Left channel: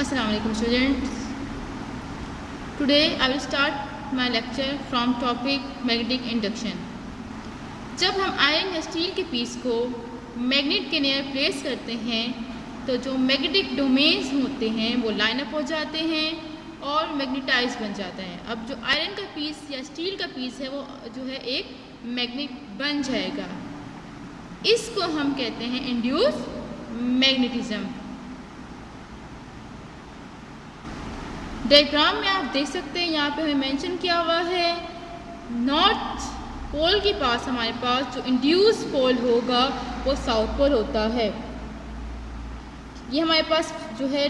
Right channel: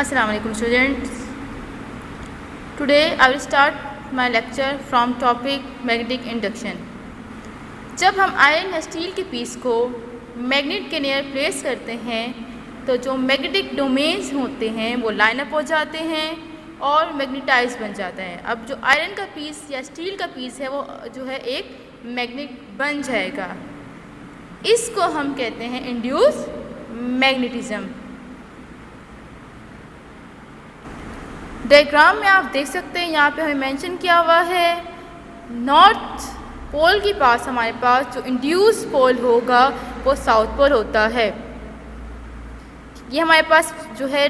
Assalamu alaikum students. Today I will start my lecture from topic magnetic induction. जब हम iron या steel के piece को magnet के नियर प्लेस करते हैं तो जो मैग्नेटिक डोमेन्स होते हैं वो लाइन अप हो जाते हैं और मैग्नेटाइज बन जाते हैं। अब जो आयरन का पीस या स्टील का पीस है वो जो है एक मैग्नेट बन जाएगा। इसको हम कहते हैं इंड्यूस मैग्नेटिज्म। डायग्राम में आप देख सकते हैं, यहाँ पे हमें मेंशन किया हुआ है नॉर्थ पोल के पास हमारे पास जो इंड्यूस पोल होगा वो साउथ पोल होता है। ये हमारे पास जो है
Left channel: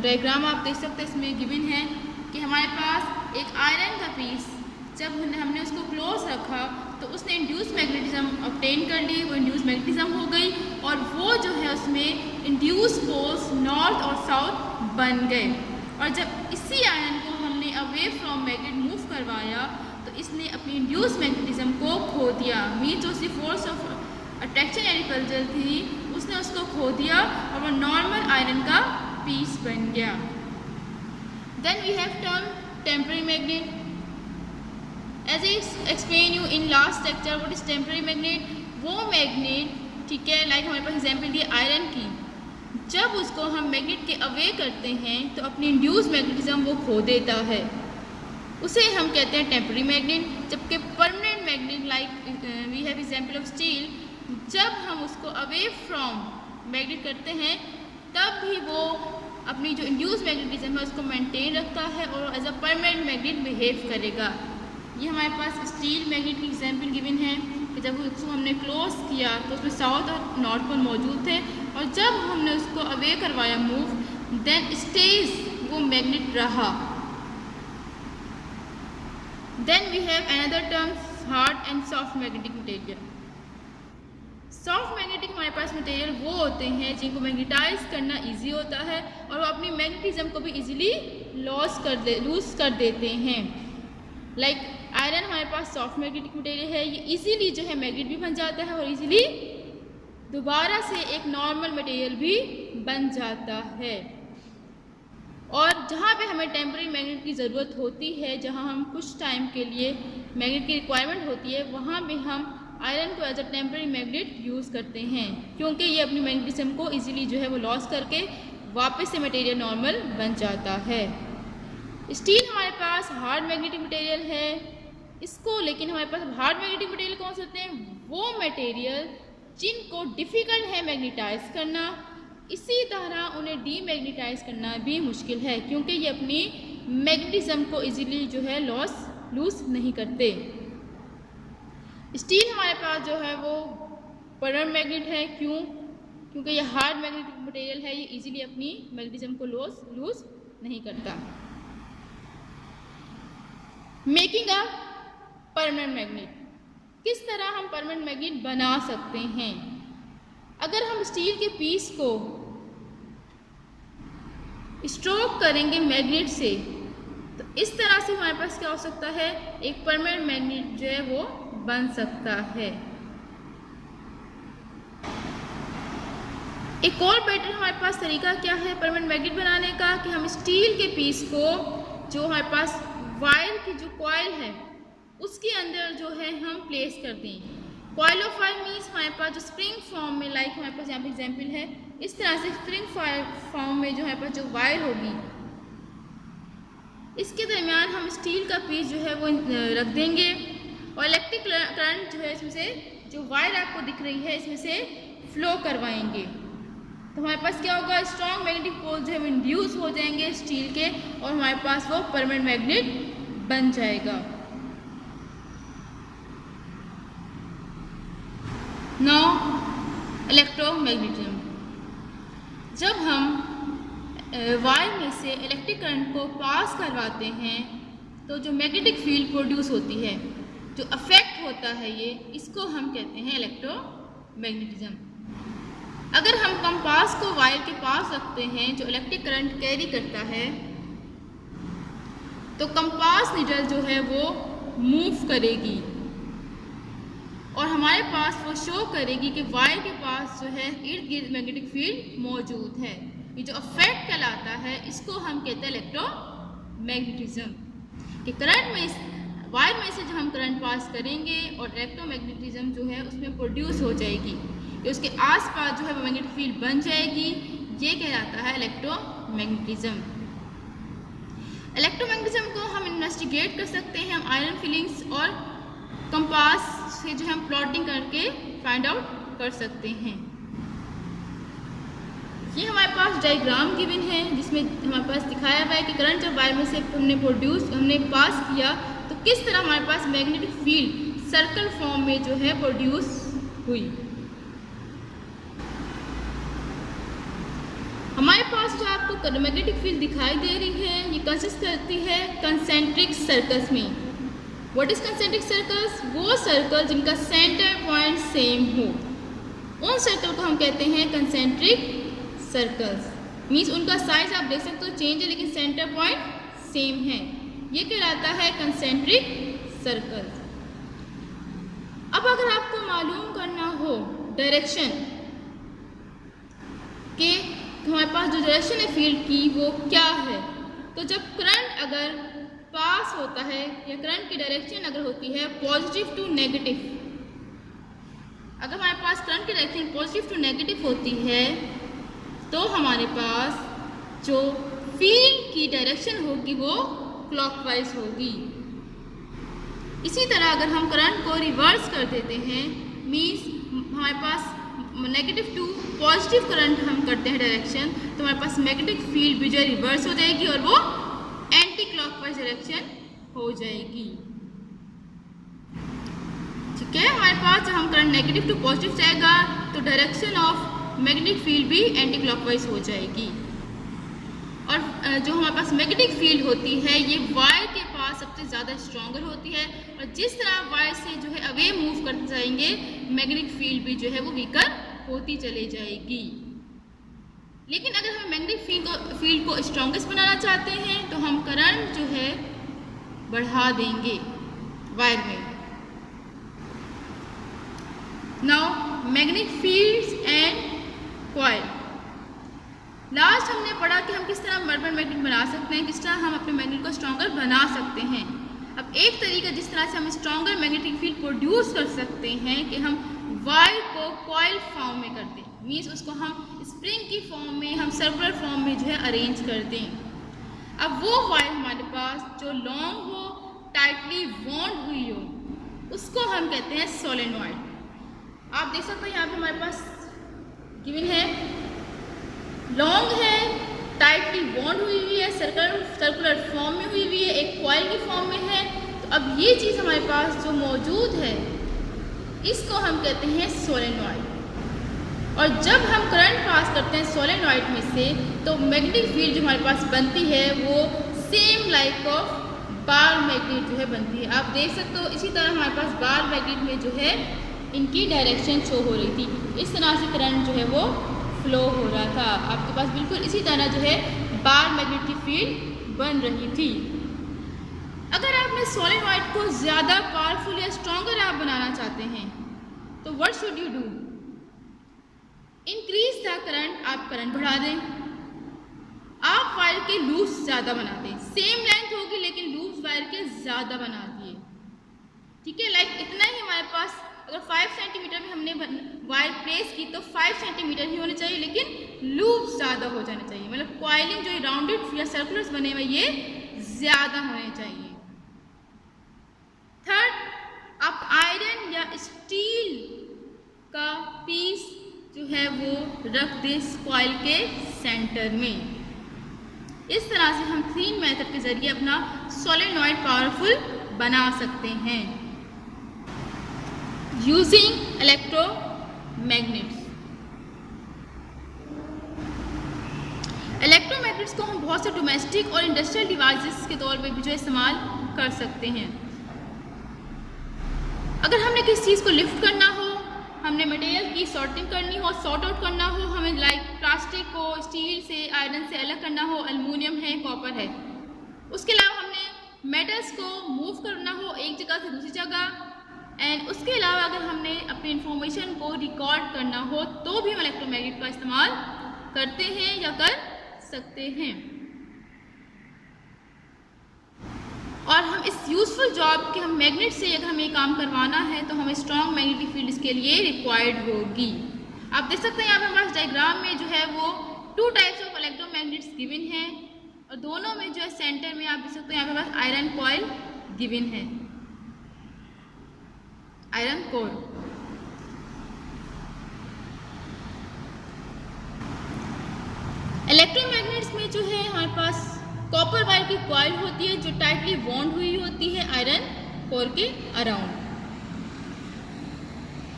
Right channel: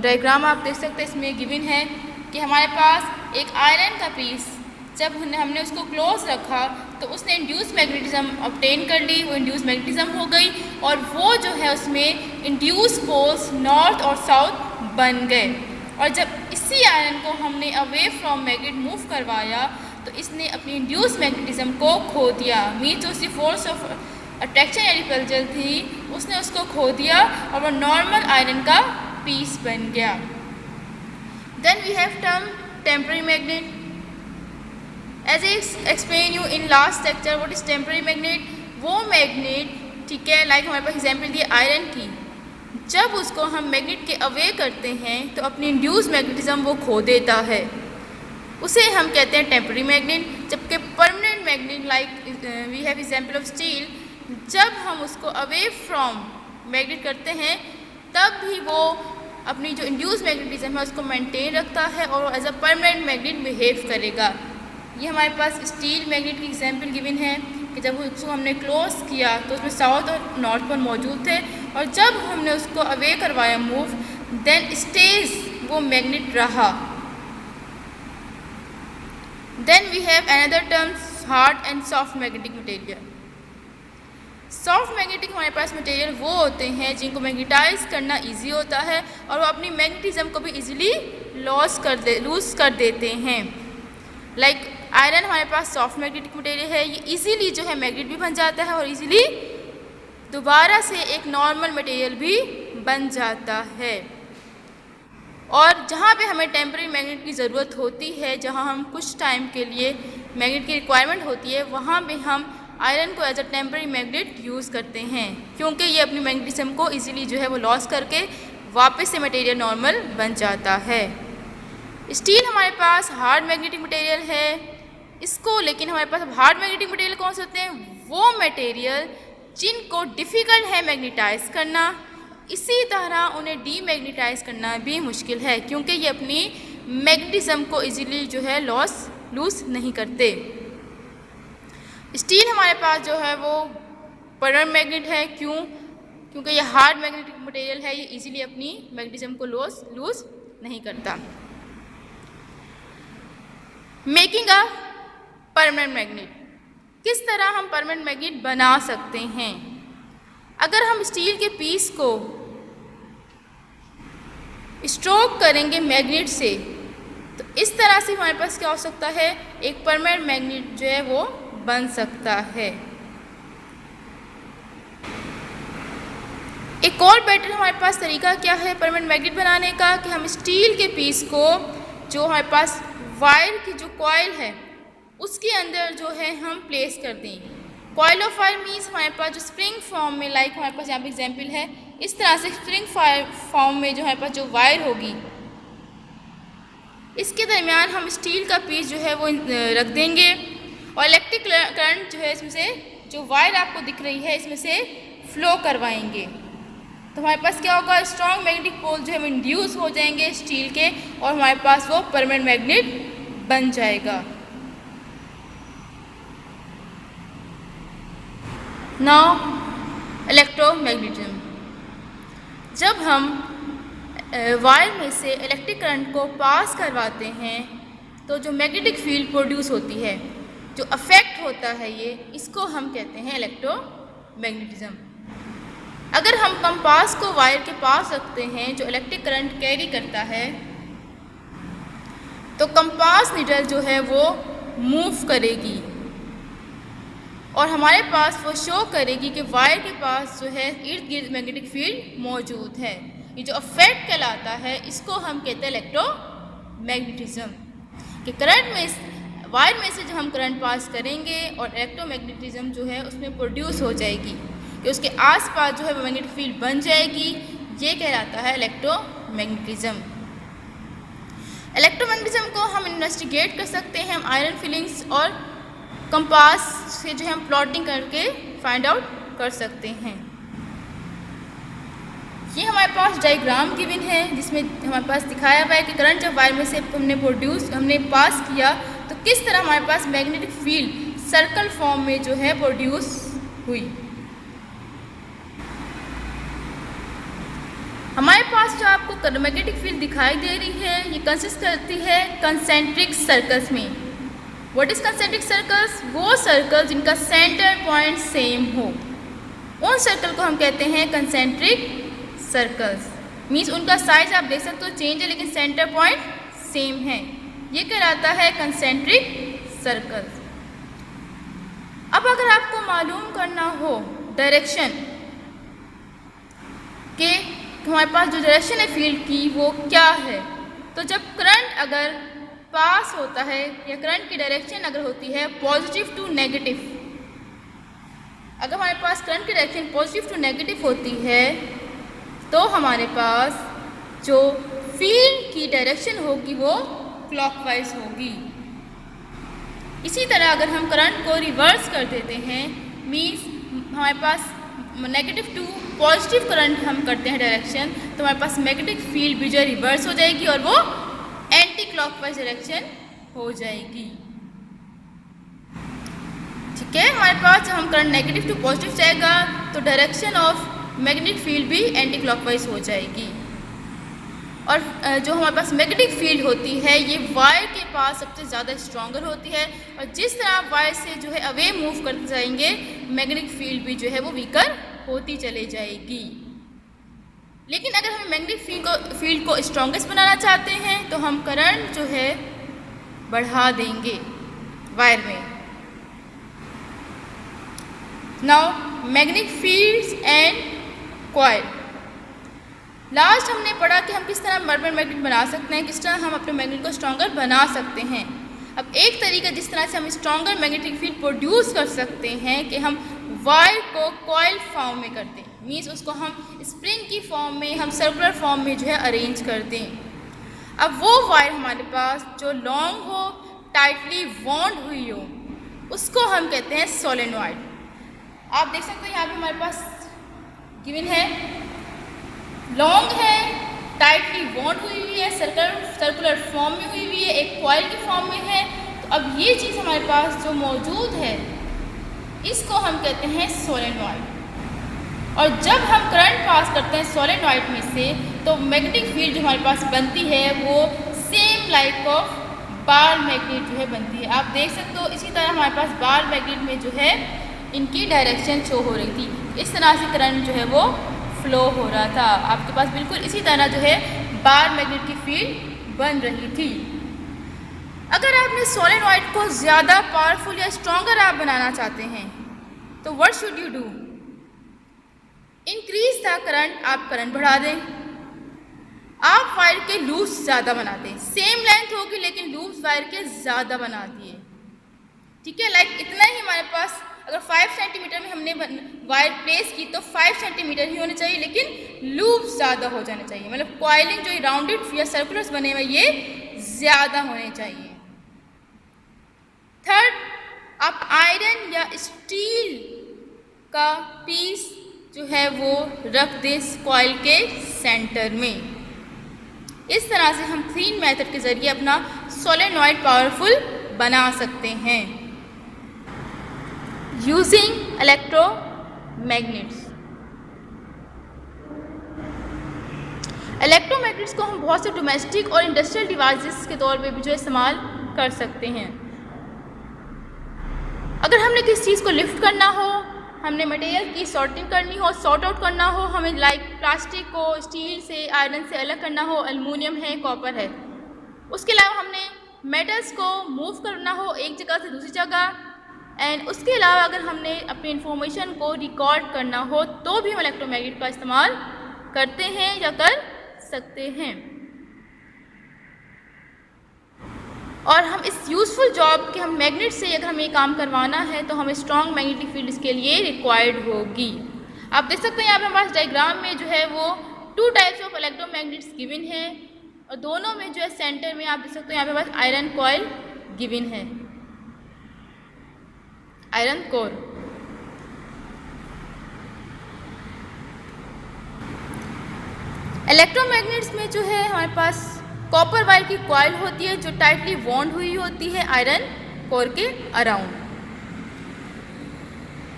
डायग्राम आप देख सकते हैं, इसमें गिवन है कि हमारे पास एक आयरन का पीस जब हमने उसको क्लोज रखा तो उसने इंड्यूस मैग्नेटिज्म ऑब्टेन कर ली, वो इंड्यूस मैग्नेटिज्म हो गई और वो जो है उसमें इंड्यूस पोल्स नॉर्थ और साउथ बन गए। और जब इसी आयरन को हमने अवे फ्रॉम मैग्नेट मूव करवाया तो इसने अपनी इंड्यूस मैग्नेटिज्म को खो दिया। मीन जो उसकी फोर्स ऑफ अट्रैक्शन या रिपल्जन थी उसने उसको खो दिया और वो नॉर्मल आयरन का पीस बन गया। Then we have term temporary magnet. As I explain you in last lecture what is temporary magnet. वो मैग्नेट, ठीक है, लाइक हमारे पास एग्जाम्पल दिए आयरन की, जब उसको हम मैग्नेट के अवे करते हैं तो अपनी इंड्यूस मैग्नेटिज्म वो खो देता है, उसे हम कहते हैं टेम्पररी मैग्नेट। जबकि permanent magnet like we have example of steel, जब हम उसको अवे फ्रॉम मैग्नेट करते हैं तब भी वो अपनी जो इंड्यूस मैग्नेटिज्म है उसको मेंटेन रखता है और as a permanent magnet behave करेगा। ये हमारे पास स्टील मैग्नेट की एग्जाम्पल गिवन है कि जब उसको हमने क्लोज किया तो उसमें साउथ और नॉर्थ पोल मौजूद थे और जब हमने उसको अवे करवाया मूव देन स्टेज वो मैग्नेट रहा। Then we have another terms hard and soft magnetic material. Soft magnetic हमारे पास मटेरियल वो होते हैं जिनको मैग्नेटाइज करना इजी होता है और वो अपनी मैग्नेटिज्म को भी इजीली लूज कर देते हैं। लाइक आयरन हमारे पास सॉफ्ट मैग्नेटिक मटेरियल है, ये इजीली जो है मैग्नेट भी बन जाता है और इजीली दोबारा से एक नॉर्मल मटेरियल भी बन जाता है। और जहाँ पे हमें टेम्पररी मैग्नेट की ज़रूरत होती है, जहाँ हम कुछ टाइम के लिए मैग्नेट की रिक्वायरमेंट होती है, वहाँ पे हम आयरन को as a temporary magnet use करते हैं क्योंकि ये अपनी मैग्नेटिज्म को इजीली जो है वो लॉस करके वापस से मटेरियल नॉर्मल बन जाता है। स्टील हमारे पास हार्ड मैग्नेटिक मटेरियल है, इसको लेकिन हमारे पास हार्ड मैग्नेटिक मटेरियल कौन से होते हैं, वो मटेरियल जिनको डिफ़िकल्ट है मैग्नेटाइज करना, इसी तरह उन्हें डीमैग्नेटाइज करना भी मुश्किल है क्योंकि ये अपनी मैग्नेटिज्म को इजीली जो है लूज नहीं करते। स्टील हमारे पास जो है वो परमानेंट मैग्नेट है, क्योंकि ये हार्ड मैग्नेटिक मटेरियल है, ये इजीली अपनी मैग्नेटिज्म को लूज नहीं करता। मेकिंग अ परमानेंट मैग्नेट, किस तरह हम परमानेंट मैग्नेट बना सकते हैं। अगर हम स्टील के पीस को स्ट्रोक करेंगे मैग्नेट से तो इस तरह से हमारे पास क्या हो सकता है, एक परमानेंट मैग्नेट जो है वो बन सकता है। एक और बेटर हमारे पास तरीका क्या है परमानेंट मैग्नेट बनाने का कि हम स्टील के पीस को जो हमारे पास वायर की जो कॉइल है उसके अंदर जो है हम प्लेस कर दें। कॉइल ऑफ वायर मीन्स हमारे पास जो स्प्रिंग फॉर्म में, लाइक हमारे पास यहाँ पे एग्जाम्पल है, इस तरह से स्प्रिंग फॉर्म में जो हमारे पास जो वायर होगी इसके दरमियान हम स्टील का पीस जो है वो रख देंगे और इलेक्ट्रिक करंट जो है इसमें से जो वायर आपको दिख रही है इसमें से फ्लो करवाएंगे तो हमारे पास क्या होगा, स्ट्रॉन्ग मैग्नेटिक पोल जो है इंड्यूस हो जाएंगे स्टील के और हमारे पास वो परमानेंट मैग्नेट बन जाएगा। नाउ इलेक्ट्रोमैग्नेटिज्म, जब हम वायर में से इलेक्ट्रिक करंट को पास करवाते हैं तो जो मैग्नेटिक फील्ड प्रोड्यूस होती है, जो अफेक्ट होता है, ये इसको हम कहते हैं इलेक्ट्रोमैग्नेटिज्म। अगर हम कंपास को वायर के पास रखते हैं जो इलेक्ट्रिक करंट कैरी करता है तो कंपास नीडल जो है वो मूव करेगी और हमारे पास वो शो करेगी कि वायर के पास जो है इर्द गिर्द मैग्नेटिक फील्ड मौजूद है। ये जो इफेक्ट कहलाता है इसको हम कहते हैं इलेक्ट्रोमैग्नेटिज्म। कि करंट में वायर में से जो हम करंट पास करेंगे और इलेक्ट्रोमैग्नेटिज्म जो है उसमें प्रोड्यूस हो जाएगी, कि उसके आसपास जो है वो मैग्नेटिक फील्ड बन जाएगी, ये कहलाता है इलेक्ट्रोमैग्नेटिज्म। इलेक्ट्रोमैग्नेटिज्म को हम इन्वेस्टिगेट कर सकते हैं हम आयरन फिलिंग्स और कंपास से जो है हम प्लॉटिंग करके फाइंड आउट कर सकते हैं। ये हमारे पास डायग्राम गिवन है जिसमें हमारे पास दिखाया हुआ है कि करंट जब वायर में से हमने पास किया तो किस तरह हमारे पास मैग्नेटिक फील्ड सर्कल फॉर्म में जो है प्रोड्यूस हुई। हमारे पास जो आपको मैग्नेटिक फील्ड दिखाई दे रही है ये कंसिस्ट करती है कंसेंट्रिक सर्कल्स में। What is concentric circles? वो सर्कल जिनका सेंटर पॉइंट सेम हो, उन सर्कल को हम कहते हैं कंसेंट्रिक सर्कल्स। मीन्स उनका साइज आप देख सकते हो चेंज है लेकिन सेंटर पॉइंट सेम है, ये कहलाता है कंसेंट्रिक सर्कल्स। अब अगर आपको मालूम करना हो डायरेक्शन के हमारे पास जो डायरेक्शन है फील्ड की वो क्या है, तो जब करंट अगर पास होता है या करंट की डायरेक्शन अगर होती है पॉजिटिव टू नेगेटिव, अगर हमारे पास करंट की डायरेक्शन पॉजिटिव टू नेगेटिव होती है तो हमारे पास जो फील्ड की डायरेक्शन होगी वो क्लॉकवाइज होगी। इसी तरह अगर हम करंट को रिवर्स कर देते हैं, मीन्स हमारे पास नेगेटिव टू पॉजिटिव करंट हम करते हैं डायरेक्शन, तो हमारे पास मैग्नेटिक फील्ड भी जो रिवर्स हो जाएगी और वो एंटी क्लॉकवाइज डायरेक्शन हो जाएगी। ठीक है, हमारे पास जब हम करंट नेगेटिव टू पॉजिटिव जाएगा तो डायरेक्शन ऑफ मैग्नेटिक फील्ड भी एंटी क्लॉकवाइज हो जाएगी। और जो हमारे पास मैग्नेटिक फील्ड होती है ये वायर के पास सबसे ज़्यादा स्ट्रॉन्गर होती है, और जिस तरह आप वायर से जो है अवे मूव करते जाएंगे मैग्नेटिक फील्ड भी जो है वो वीकर होती चली जाएगी। लेकिन अगर हम मैग्नेटिक फील्ड को स्ट्रॉन्गेस्ट बनाना चाहते हैं तो हम करंट जो है बढ़ा देंगे वायर में। Now magnetic fields and coil. Last हमने पढ़ा कि हम किस तरह परमानेंट मैग्नेट बना सकते हैं, किस तरह हम अपने मैग्नेट को स्ट्रॉन्गर बना सकते हैं। अब एक तरीका जिस तरह से हम स्ट्रॉन्गर मैग्नेटिक फील्ड प्रोड्यूस कर सकते हैं कि हम वायर को कॉइल फॉर्म में कर दें, मीन्स उसको हम स्प्रिंग की फॉर्म में हम सर्कुलर फॉर्म में जो है अरेंज कर दें। अब वो वायर हमारे पास जो लॉन्ग हो, टाइटली बॉन्ड हुई हो, उसको हम कहते हैं सोलेनॉइड। आप देख सकते हो यहाँ पे हमारे पास गिवन है, लॉन्ग है, टाइटली बॉन्ड हुई है, सर्कुलर फॉर्म में हुई है, एक कॉइल की फॉर्म में है। तो अब ये चीज़ हमारे पास जो मौजूद है इसको हम कहते हैं सोलेनॉइड। और जब हम करंट पास करते हैं सोलेनॉइड में से तो मैग्नेटिक फील्ड जो हमारे पास बनती है वो same like of bar magnet जो है बनती है। आप देख सकते हो इसी तरह हमारे पास बार मैग्नेट में जो है इनकी डायरेक्शन शो हो रही थी, इस तरह से करंट जो है वो फ्लो हो रहा था। आपके पास बिल्कुल इसी तरह जो है बार मैग्नेट की फील्ड बन रही थी। अगर आपने सोलेनॉइड को ज़्यादा पावरफुल या स्ट्रॉन्गर आप बनाना चाहते हैं तो what should you do? Increase the current, आप करंट बढ़ा दें। आप वायर के लूप्स ज़्यादा बना दें, सेम लेंथ होगी लेकिन लूप्स वायर के ज़्यादा बना दिए। ठीक है, लाइक इतना ही हमारे पास अगर 5 सेंटीमीटर में हमने वायर प्लेस की तो 5 सेंटीमीटर ही होने चाहिए, लेकिन लूप्स ज़्यादा हो जाने चाहिए, मतलब कॉइलिंग जो राउंडेड या सर्कुलर्स बने हुए ये ज़्यादा होने चाहिए। थर्ड, आप आयरन या स्टील का पीस जो है वो रख दें कॉइल के सेंटर में। इस तरह से हम 3 मेथड के ज़रिए अपना सोलेनॉइड पावरफुल बना सकते हैं यूजिंग इलेक्ट्रोमैग्नेट्स। इलेक्ट्रोमैग्नेट्स को हम बहुत से डोमेस्टिक और इंडस्ट्रियल डिवाइसेस के तौर पे भी जो इस्तेमाल कर सकते हैं। अगर हमने किसी चीज़ को लिफ्ट करना हो, हमने मटेरियल की सॉर्टिंग करनी हो, सॉर्ट आउट करना हो, हमें लाइक प्लास्टिक को स्टील से, आयरन से अलग करना हो, एल्युमिनियम है, कॉपर है, उसके अलावा हमने मेटल्स को मूव करना हो एक जगह से दूसरी जगह, एंड उसके अलावा अगर हमने अपनी इंफॉर्मेशन को रिकॉर्ड करना हो तो भी हम इलेक्ट्रोमैग्नेट का इस्तेमाल करते हैं या कर सकते हैं। और हम इस यूज़फुल जॉब के हम मैग्नेट से अगर हमें काम करवाना है तो हमें स्ट्रॉन्ग मैग्नेटिक फील्ड इसके लिए रिक्वायर्ड होगी। आप देख सकते हैं यहाँ पे हमारे पास डायग्राम में जो है वो 2 टाइप्स ऑफ इलेक्ट्रोमैग्नेट्स गिवन है और दोनों में जो है सेंटर में आप देख सकते हैं यहाँ पे पास आयरन कॉइल गिवन है, आयरन कोर। इलेक्ट्रोमैग्नेट्स में जो है हमारे पास कॉपर वायर की कॉइल होती है जो टाइटली बॉन्ड हुई होती है आयरन कोर के अराउंड।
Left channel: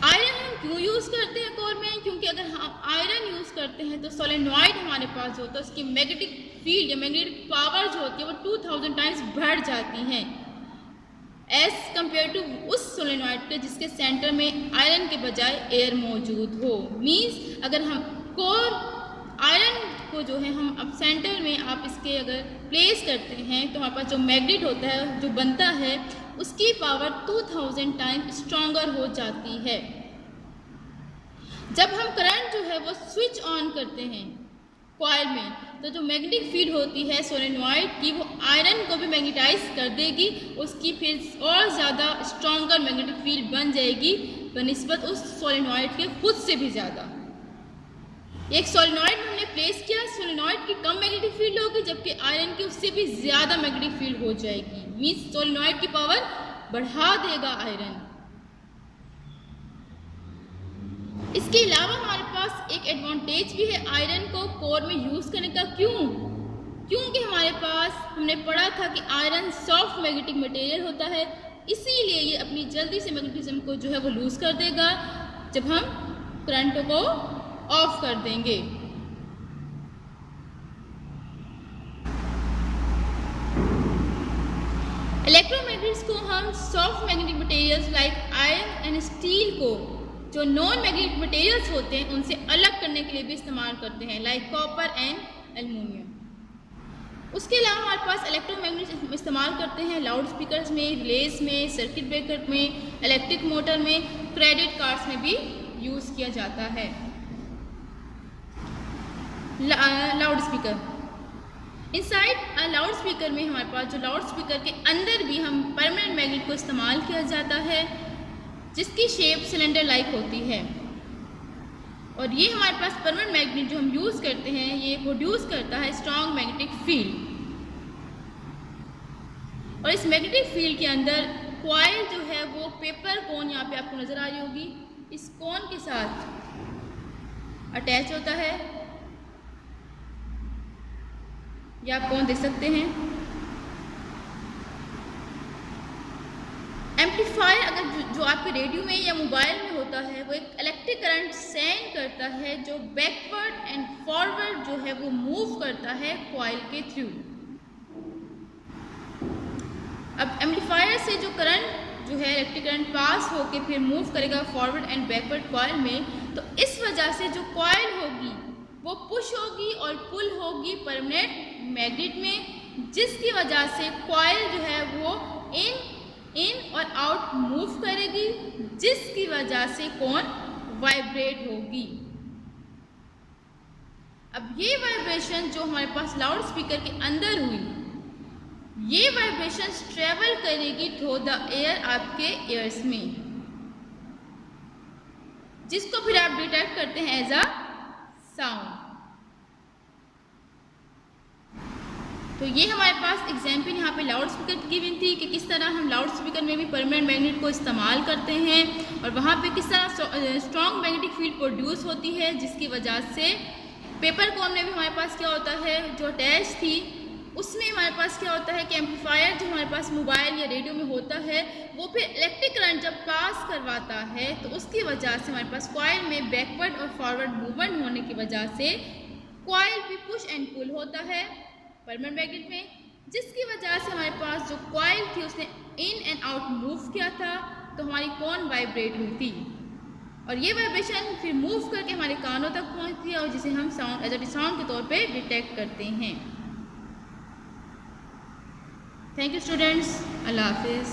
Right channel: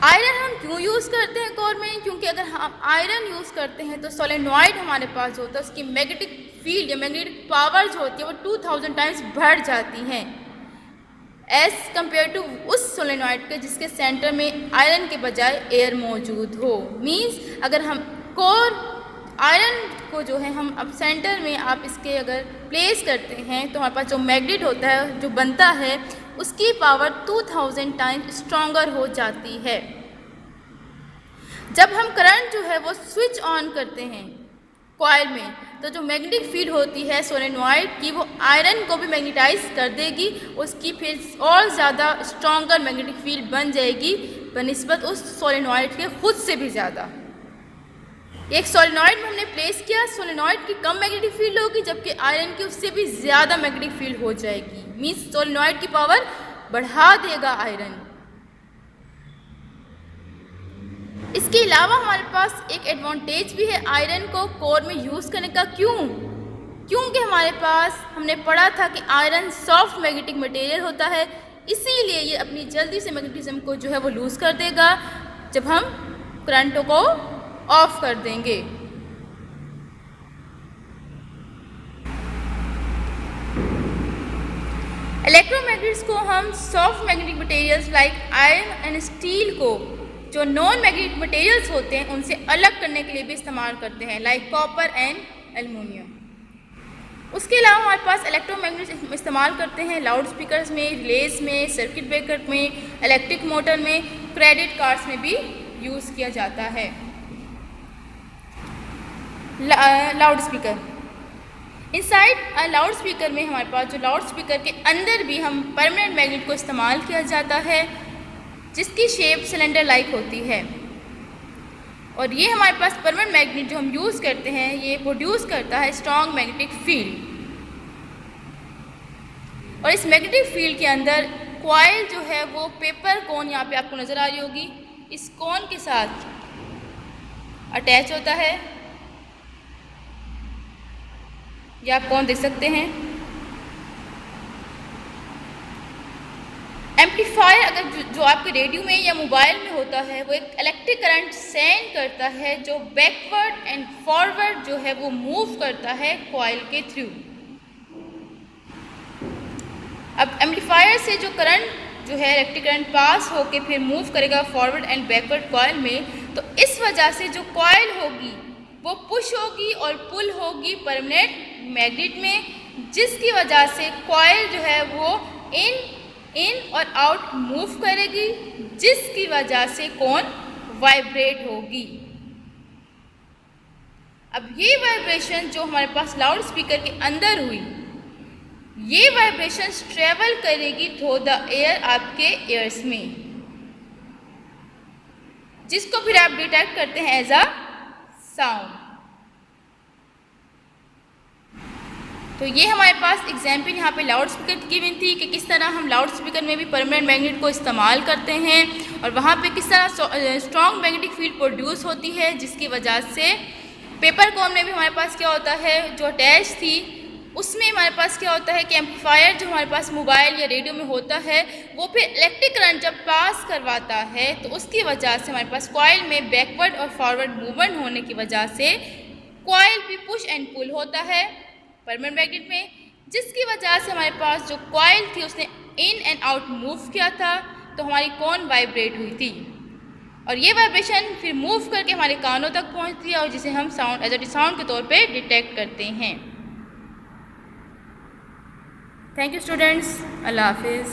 आयरन हम क्यों यूज़ करते हैं कोर में? क्योंकि अगर हम आयरन यूज़ करते हैं तो सोलेनॉइड हमारे पास जो होता है उसकी मैग्नेटिक फील्ड या मैग्नेटिक पावर जो होती है वो 2000 टाइम्स बढ़ जाती हैं एज कम्पेयर टू उस सोलेनॉइड के जिसके सेंटर में आयरन के बजाय एयर मौजूद हो। मीन्स अगर हम कोर आयरन को जो है हम अब सेंटर में आप इसके अगर प्लेस करते हैं तो हमारे पास जो मैग्नेट होता है जो बनता है उसकी पावर 2000 टाइम्स स्ट्रॉन्गर हो जाती है। जब हम करंट जो है वो स्विच ऑन करते हैं कॉइल में तो जो मैग्नेटिक फील्ड होती है सोलेनॉइड की वो आयरन को भी मैग्नेटाइज कर देगी, उसकी फिर और ज़्यादा स्ट्रॉन्गर मैग्नेटिक फील्ड बन जाएगी बनिस्बत उस सोलेनॉइड के खुद से भी ज़्यादा। एक सोलेनॉइड में हमने प्लेस किया, सोलेनॉइड की कम मैग्नेटिक फील्ड होगी जबकि आयरन की उससे भी ज़्यादा मैग्नेटिक फील्ड हो जाएगी। मीन्स सोलेनॉइड की पावर बढ़ा देगा आयरन। इसके अलावा हमारे पास एक एडवांटेज भी है आयरन को कोर में यूज़ करने का। क्योंकि हमारे पास हमने पढ़ा था कि आयरन सॉफ्ट मैग्नेटिक मटेरियल होता है, इसीलिए ये अपनी जल्दी से मैग्नेटिज्म को जो है वो लूज़ कर देगा जब हम करंटों को ऑफ कर देंगे। इलेक्ट्रोमैग्नेट्स को हम soft magnetic materials like iron and steel को जो नॉन मैग्नेटिक मटेरियल्स होते हैं उनसे अलग करने के लिए भी इस्तेमाल करते हैं लाइक कॉपर एंड एल्युमिनियम। उसके अलावा हमारे पास इलेक्ट्रोमैग्नेट्स इस्तेमाल करते हैं लाउड स्पीकर्स में, रिलेज में, सर्किट ब्रेकर में, इलेक्ट्रिक मोटर में, क्रेडिट कार्ड्स में भी यूज़ किया जाता है। Loud speaker inside loud speaker में हमारे पास जो लाउड स्पीकर के अंदर भी हम परमानेंट मैग्नेट को इस्तेमाल किया जाता है जिसकी शेप सिलेंडर लाइक होती है और ये हमारे पास परमानेंट मैग्नेट जो हम यूज़ करते हैं ये प्रोड्यूस करता है स्ट्रॉन्ग मैग्नेटिक फील्ड। और इस मैग्नेटिक फील्ड के अंदर कॉइल जो है वो पेपर कोन यहाँ पे आपको नज़र आ रही होगी, इस कोन के साथ अटैच होता है। ये आप कौन देख सकते हैं। एम्पलीफायर अगर जो आपके रेडियो में या मोबाइल में होता है वो एक इलेक्ट्रिक करंट सेंड करता है जो बैकवर्ड एंड फॉरवर्ड जो है वो मूव करता है कॉइल के थ्रू। अब एम्पलीफायर से जो करंट जो है इलेक्ट्रिक करंट पास होके फिर मूव करेगा फॉरवर्ड एंड बैकवर्ड कॉइल में, तो इस वजह से जो कॉइल होगी वो पुश होगी और पुल होगी परमानेंट मैग्नेट में, जिसकी वजह से कॉइल जो है वो इन और आउट मूव करेगी, जिसकी वजह से कोन वाइब्रेट होगी। अब ये वाइब्रेशन जो हमारे पास लाउड स्पीकर के अंदर हुई, ये वाइब्रेशन ट्रेवल करेगी थ्रू द एयर आपके ईयर्स में, जिसको फिर आप डिटेक्ट करते हैं एज अ साउंड। तो ये हमारे पास एग्जाम्पल यहाँ पे लाउड स्पीकर की गिवन थी कि किस तरह हम लाउड स्पीकर में भी परमानेंट मैग्नेट को इस्तेमाल करते हैं और वहाँ पे किस तरह स्ट्रॉन्ग मैग्नेटिक फील्ड प्रोड्यूस होती है, जिसकी वजह से पेपर कोन में भी हमारे पास क्या होता है जो अटैच थी उसमें हमारे पास क्या होता है कि एम्पलीफायर जो हमारे पास मोबाइल या रेडियो में होता है वो फिर इलेक्ट्रिक करंट जब पास करवाता है तो उसकी वजह से हमारे पास कॉइल में बैकवर्ड और फॉरवर्ड मूवमेंट होने की वजह से कॉइल भी पुश एंड पुल होता है परमानेंट मैग्नेट में, जिसकी वजह से हमारे पास जो कॉइल थी उसने इन एंड आउट मूव किया था तो हमारी कोन वाइब्रेट हुई थी और ये वाइब्रेशन फिर मूव करके हमारे कानों तक पहुंचती है और जिसे हम साउंड एज अ साउंड के तौर पे डिटेक्ट करते हैं। थैंक यू स्टूडेंट्स, अल्लाह हाफिज़।